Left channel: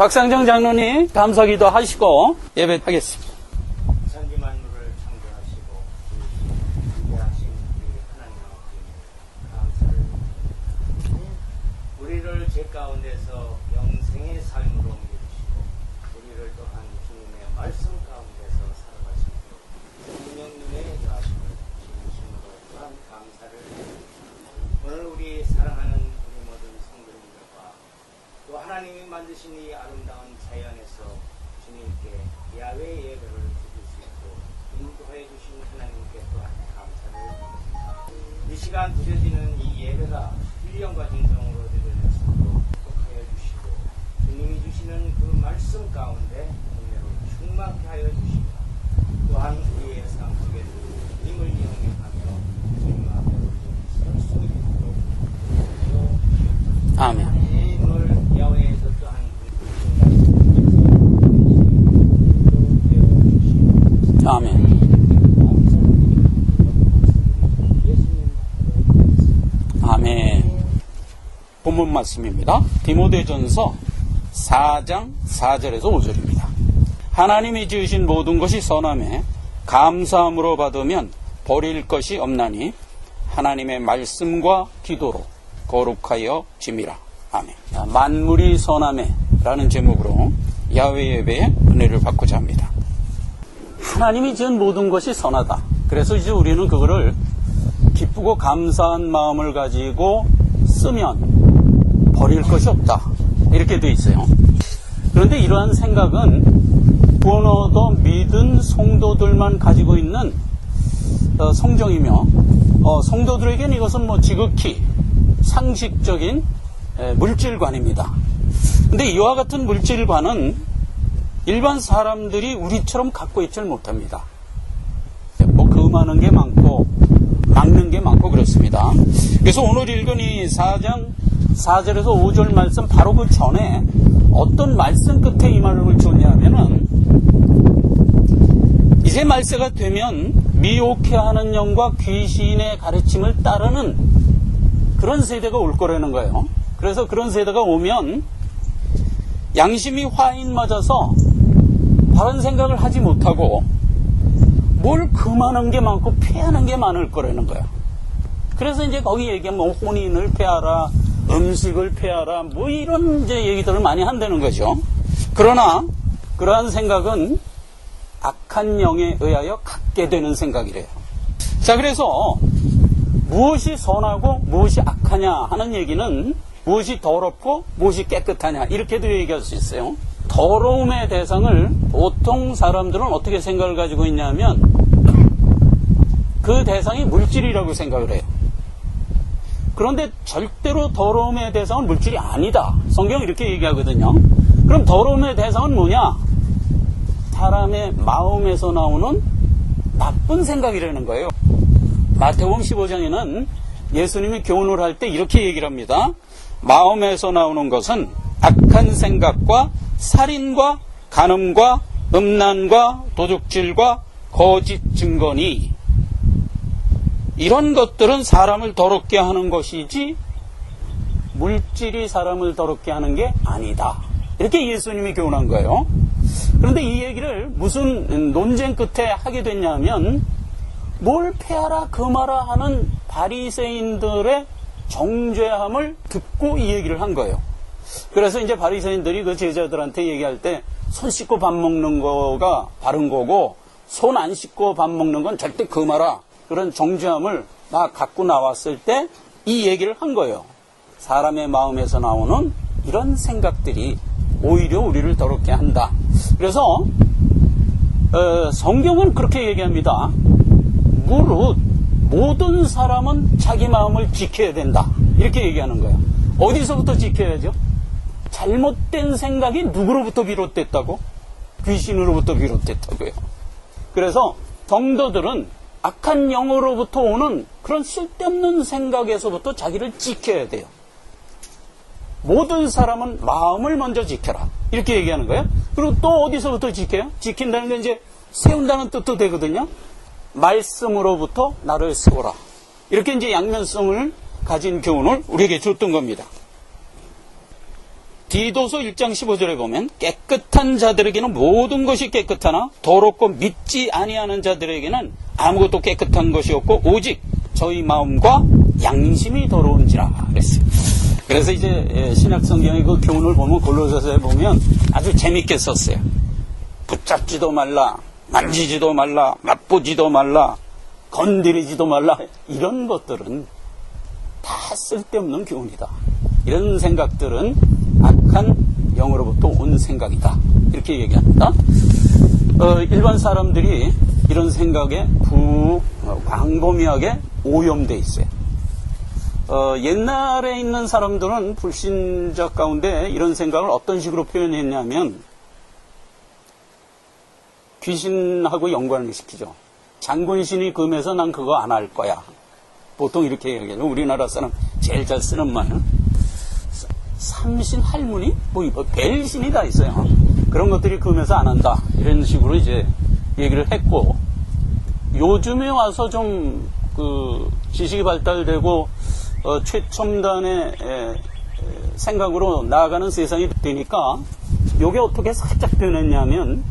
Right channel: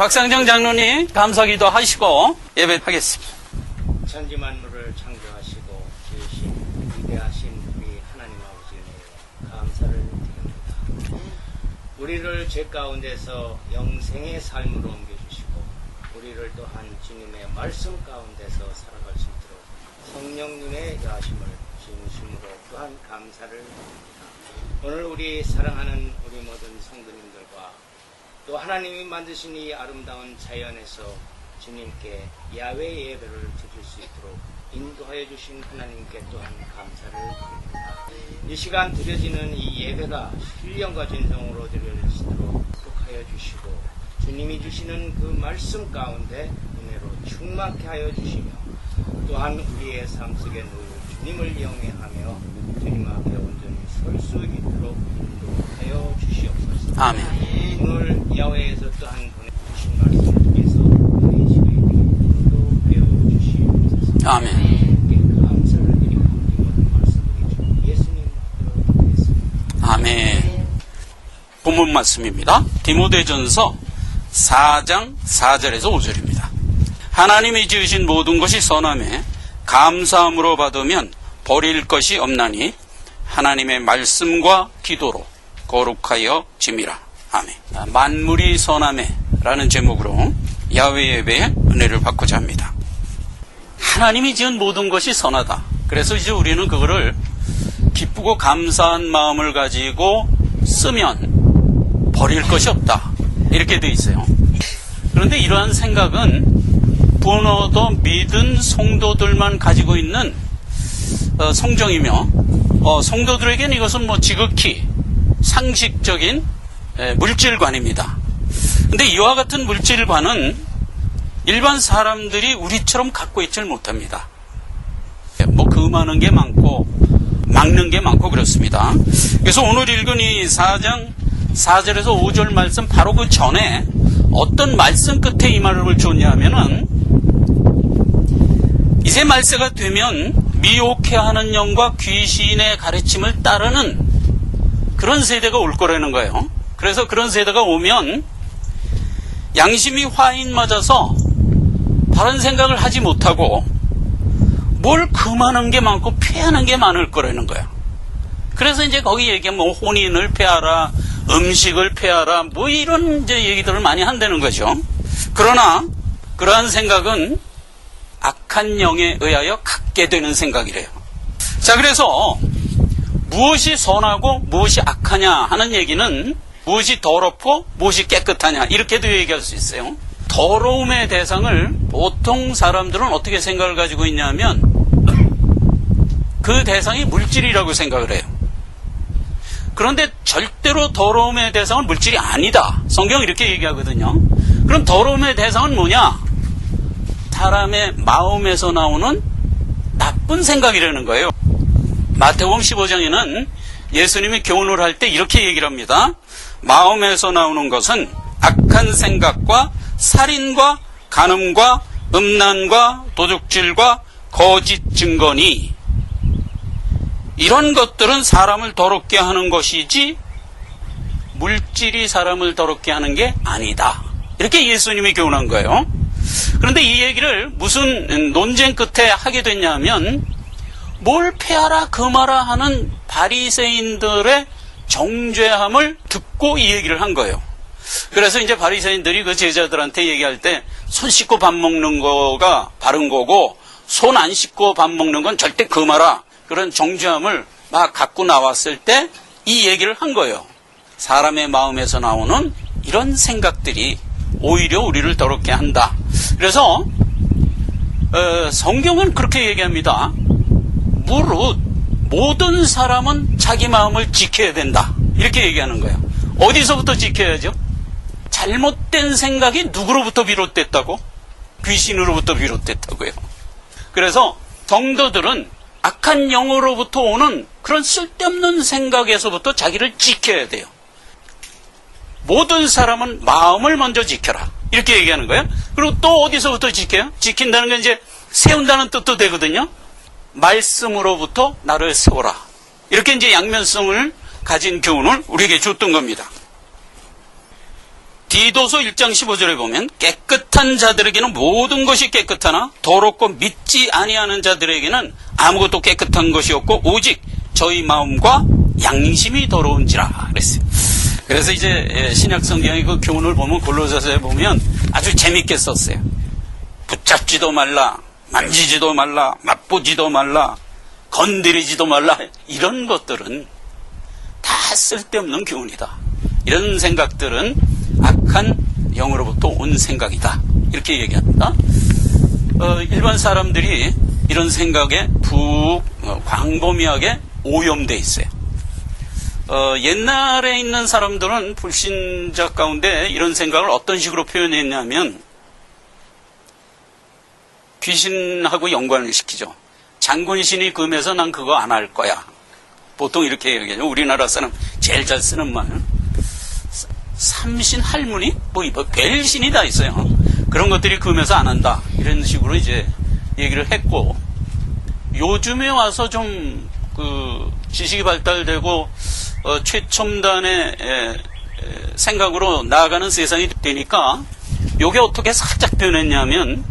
박상정 장로님 감사기도 하시고 예배하겠습니다. 천지 만물을 창조하시고 지으신 위대하신 우리 하나님 아버지여 감사를 드립니다. 우리를 죄 가운데서 영생의 삶으로 옮겨주시고 우리를 또한 주님의 말씀 가운데서 살아갈 수 있도록 성령님의 여하심을 진심으로 또한 감사를 드립니다. 오늘 우리 사랑하는 우리 모든 성도님들과 또 하나님이 만드신 이 아름다운 자연에서 주님께 야외 예배를 드릴 수 있도록 인도하여 주신 하나님께 또한 감사를 드립니다. 이 시간 드려지는 이 예배가 신령과 진성으로 드려질 수 있도록 축복하여 주시고 주님이 주시는 그 말씀 가운데 은혜로 충만케 하여 주시며 또한 우리의 삶 속에 늘 주님을 영위하며 주님 앞에 온전히 설 수 있도록 인도하여 주시옵소서. 아멘. 오늘 야외에서 또한 보내주신 말씀을 통해서 우리 시간에 인도하여 주시옵소서. 아멘. 감사를 드리고 이 모든 말씀을 주 예수님 들어드리겠습니다. 아멘. 본문 말씀입니다. 디모데전서 4장 4절에서 5절입니다. 하나님이 지으신 모든 것이 선함에 감사함으로 받으면 버릴 것이 없나니 하나님의 말씀과 기도로 거룩하여 짐이라. 아멘. 만물이 선함에 라는 제목으로 야외 예배의 은혜를 받고자 합니다. 하나님이 지은 모든 것이 선하다. 그래서 이제 우리는 그거를 기쁘고 감사한 마음을 가지고 쓰면 버릴 것이 없다. 이렇게 돼 있어요. 그런데 이러한 생각은 부어도 믿은 성도들만 가지고 있는 성정이며 성도들에게는 이것은 지극히 상식적인 물질관입니다. 근데 이와 같은 물질관은 일반 사람들이 우리처럼 갖고 있질 못합니다. 금하는 게 많고 막는 게 많고 그렇습니다. 그래서 오늘 읽은 이 4장 4절에서 5절 말씀 바로 그 전에 어떤 말씀 끝에 이 말을 줬냐 하면은 이제 말세가 되면 미혹해하는 영과 귀신의 가르침을 따르는 그런 세대가 올 거라는 거예요. 그래서 그런 세대가 오면 양심이 화인 맞아서 바른 생각을 하지 못하고 뭘 금하는 게 많고 피하는 게 많을 거라는 거야. 그래서 이제 거기 얘기하면 혼인을 피하라, 음식을 피하라, 이런 이제 얘기들을 많이 한다는 거죠. 그러나 그러한 생각은 악한 영에 의하여 갖게 되는 생각이래요. 자, 그래서 무엇이 선하고 무엇이 악하냐 하는 얘기는 무엇이 더럽고 무엇이 깨끗하냐 이렇게도 얘기할 수 있어요. 더러움의 대상을 보통 사람들은 어떻게 생각을 가지고 있냐면 그 대상이 물질이라고 생각을 해요. 그런데 절대로 더러움의 대상은 물질이 아니다. 성경은 이렇게 얘기하거든요. 그럼 더러움의 대상은 뭐냐? 사람의 마음에서 나오는 나쁜 생각이라는 거예요. 마태복음 15장에는 예수님이 교훈을 할 때 이렇게 얘기를 합니다. 마음에서 나오는 것은 악한 생각과 살인과 간음과 음란과 도둑질과 거짓 증거니 이런 것들은 사람을 더럽게 하는 것이지 물질이 사람을 더럽게 하는 게 아니다. 이렇게 예수님이 교훈한 거예요. 그런데 이 얘기를 무슨 논쟁 끝에 하게 됐냐면 뭘 패하라 금하라 하는 바리새인들의 정죄함을 듣고 이 얘기를 한 거예요. 그래서 이제 바리새인들이 그 제자들한테 얘기할 때 손 씻고 밥 먹는 거가 바른 거고 손 안 씻고 밥 먹는 건 절대 금하라 그런 정죄함을 막 갖고 나왔을 때 이 얘기를 한 거예요. 사람의 마음에서 나오는 이런 생각들이 오히려 우리를 더럽게 한다. 그래서 성경은 그렇게 얘기합니다. 무릇 모든 사람은 자기 마음을 지켜야 된다. 이렇게 얘기하는 거예요. 어디서부터 지켜야죠? 잘못된 생각이 누구로부터 비롯됐다고? 귀신으로부터 비롯됐다고요. 그래서 성도들은 악한 영으로부터 오는 그런 쓸데없는 생각에서부터 자기를 지켜야 돼요. 모든 사람은 마음을 먼저 지켜라. 이렇게 얘기하는 거예요. 그리고 또 어디서부터 지켜요? 지킨다는 건 이제 세운다는 뜻도 되거든요. 말씀으로부터 나를 세워라. 이렇게 이제 양면성을 가진 교훈을 우리에게 줬던 겁니다. 디도서 1장 15절에 보면 깨끗한 자들에게는 모든 것이 깨끗하나 더럽고 믿지 아니하는 자들에게는 아무것도 깨끗한 것이 없고 오직 저희 마음과 양심이 더러운지라 그랬어요. 그래서 이제 신약 성경의 그 교훈을 보면 골로새서에 보면 아주 재밌게 썼어요. 붙잡지도 말라, 만지지도 말라, 맛보지도 말라, 건드리지도 말라. 이런 것들은 다 쓸데없는 교훈이다. 이런 생각들은 악한 영으로부터 온 생각이다. 이렇게 얘기합니다. 일반 사람들이 이런 생각에 광범위하게 오염돼 있어요. 옛날에 있는 사람들은 불신자 가운데 이런 생각을 어떤 식으로 표현했냐면 귀신하고 연관을 시키죠. 장군신이 금해서 난 그거 안 할 거야. 보통 이렇게 얘기하죠. 우리나라 사람 제일 잘 쓰는 말은 삼신 할머니? 뭐 벨신이 다 있어요. 그런 것들이 금해서 안 한다. 이런 식으로 이제 얘기를 했고, 요즘에 와서 좀 지식이 발달되고 최첨단의 생각으로 나아가는 세상이 되니까 요게 어떻게 살짝 변했냐면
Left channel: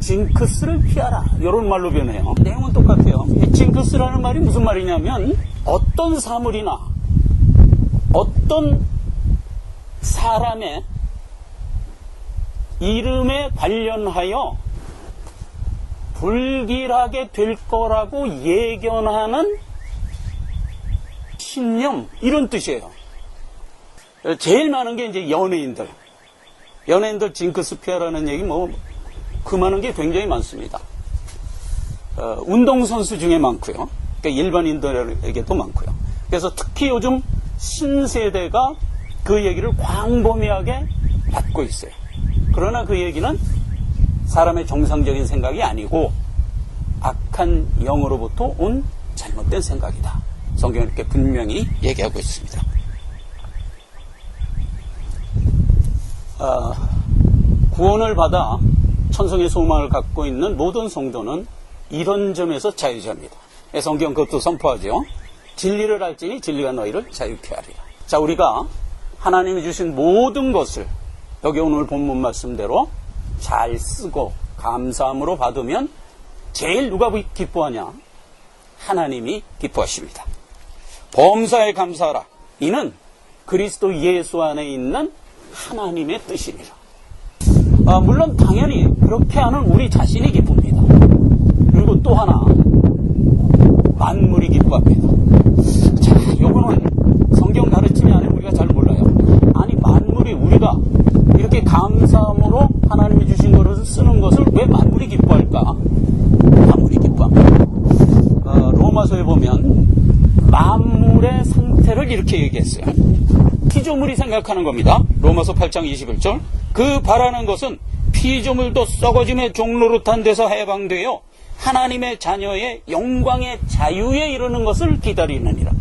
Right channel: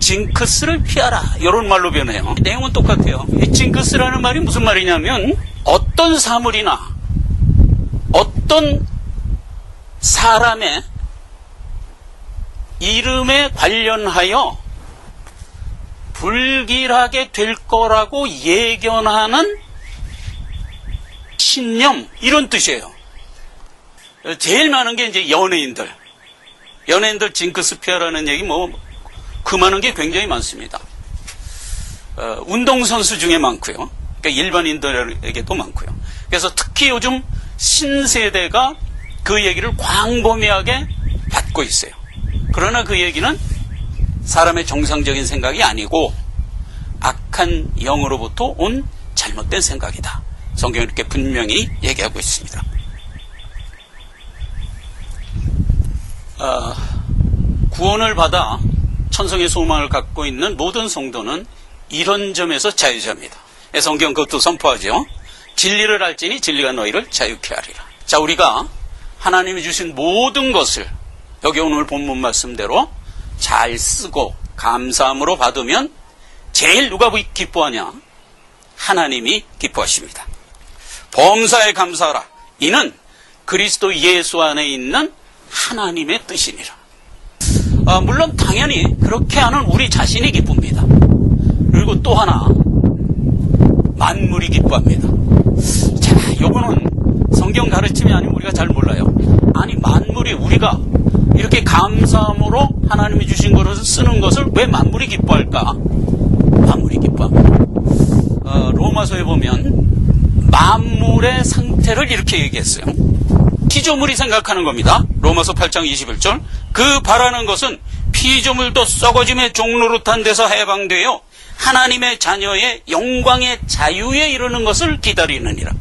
징크스를 피하라 이런 말로 변해요. 내용은 똑같아요. 이 징크스라는 말이 무슨 말이냐면 어떤 사물이나 어떤 사람의 이름에 관련하여 불길하게 될 거라고 예견하는 신념, 이런 뜻이에요. 제일 많은 게 이제 연예인들 징크스 피하라는 얘기 그 많은 게 굉장히 많습니다. 운동선수 중에 많고요. 그러니까 일반인들에게도 많고요. 그래서 특히 요즘 신세대가 그 얘기를 광범위하게 받고 있어요. 그러나 그 얘기는 사람의 정상적인 생각이 아니고 악한 영으로부터 온 잘못된 생각이다. 성경은 이렇게 분명히 얘기하고 있습니다. 구원을 받아 천성의 소망을 갖고 있는 모든 성도는 이런 점에서 자유자입니다. 성경 그것도 선포하죠. 진리를 알지니 진리가 너희를 자유케 하리라. 자, 우리가 하나님이 주신 모든 것을 여기 오늘 본문 말씀대로 잘 쓰고 감사함으로 받으면 제일 누가 기뻐하냐? 하나님이 기뻐하십니다. 범사에 감사하라. 이는 그리스도 예수 안에 있는 하나님의 뜻이니라. 물론 당연히 그렇게 하는 우리 자신이 기쁩니다. 그리고 또 하나, 만물이 기뻐합니다. 자, 요거는 성경 가르침이 아니면 우리가 잘 몰라요. 아니, 만물이 우리가 이렇게 감사함으로 하나님이 주신 것을 쓰는 것을 왜 만물이 기뻐할까? 만물이 기뻐합니다. 로마서에 보면 만물의 상태를 이렇게 얘기했어요. 피조물이 생각하는 겁니다. 로마서 8장 21절. 그 바라는 것은 피조물도 썩어짐의 종노릇한 데서 해방되어 하나님의 자녀의 영광의 자유에 이르는 것을 기다리느니라.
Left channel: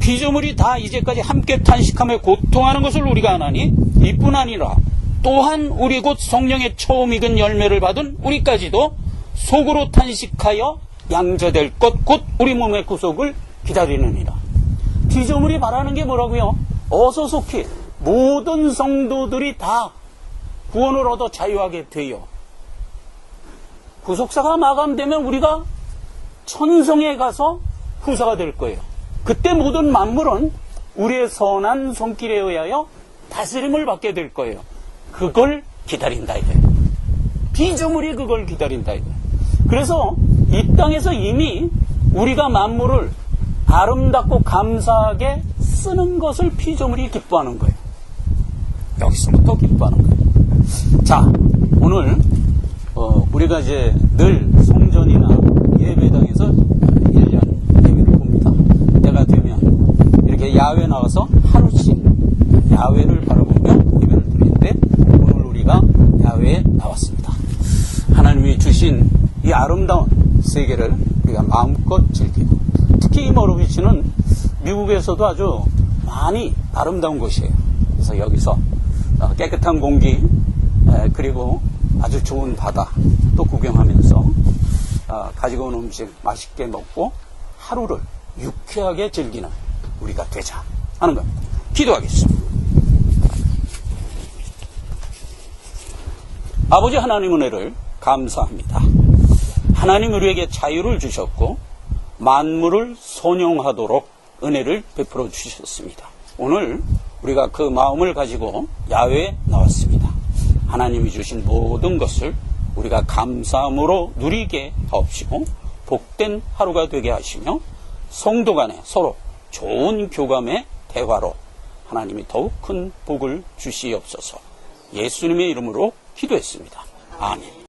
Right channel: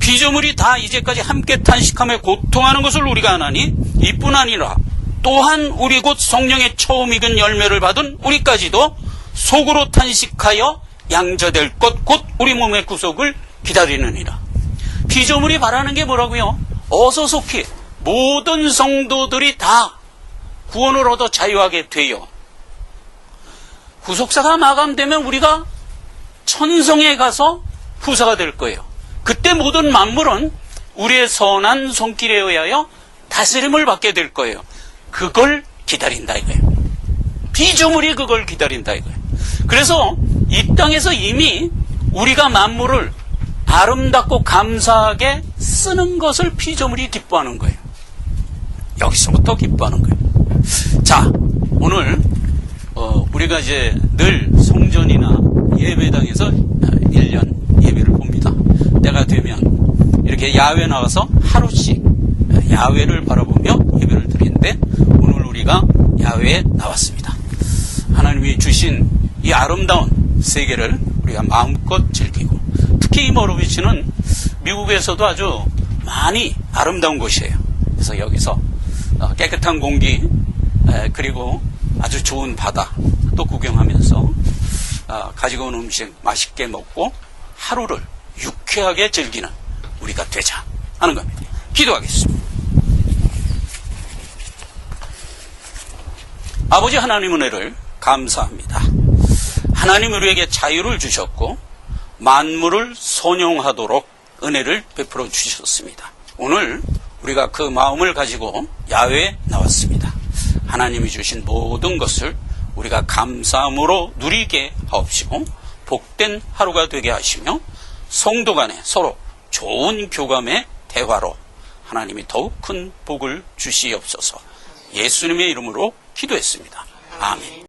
피조물이 다 이제까지 함께 탄식하며 고통하는 것을 우리가 아나니 이뿐 아니라 또한 우리 곧 성령의 처음 익은 열매를 받은 우리까지도 속으로 탄식하여 양자될 것 곧 우리 몸의 구속을 기다리느니라. 피조물이 바라는 게 뭐라고요? 어서 속히 모든 성도들이 다 구원을 얻어 자유하게 되어 구속사가 마감되면 우리가 천성에 가서 후사가 될 거예요. 그때 모든 만물은 우리의 선한 손길에 의하여 다스림을 받게 될 거예요. 그걸 기다린다 이거예요. 피조물이 그걸 기다린다 이거예요. 그래서 이 땅에서 이미 우리가 만물을 아름답고 감사하게 쓰는 것을 피조물이 기뻐하는 거예요. 여기서부터 기뻐하는 거예요. 자, 오늘 우리가 이제 늘 성전이나 예배당에서 1년 예배를 봅니다. 때가 되면 이렇게 야외 나가서 하루씩 야외를 바라보며 예배를 드리는데 오늘 우리가 야외에 나왔습니다. 하나님이 주신 이 아름다운 세계를 우리가 마음껏 즐기고, 특히 이 머루비치는 미국에서도 아주 많이 아름다운 곳이에요. 그래서 여기서 깨끗한 공기 그리고 아주 좋은 바다 또 구경하면서 가지고 온 음식 맛있게 먹고 하루를 유쾌하게 즐기는 우리가 되자 하는 겁니다. 기도하겠습니다. 아버지 하나님 은혜를 감사합니다. 하나님 우리에게 자유를 주셨고 만물을 선용하도록 은혜를 베풀어 주셨습니다. 오늘 우리가 그 마음을 가지고 야외에 나왔습니다. 하나님이 주신 모든 것을 우리가 감사함으로 누리게 하옵시고 복된 하루가 되게 하시며 성도 간에 서로 좋은 교감의 대화로 하나님이 더욱 큰 복을 주시옵소서. 예수님의 이름으로 기도했습니다. 아멘.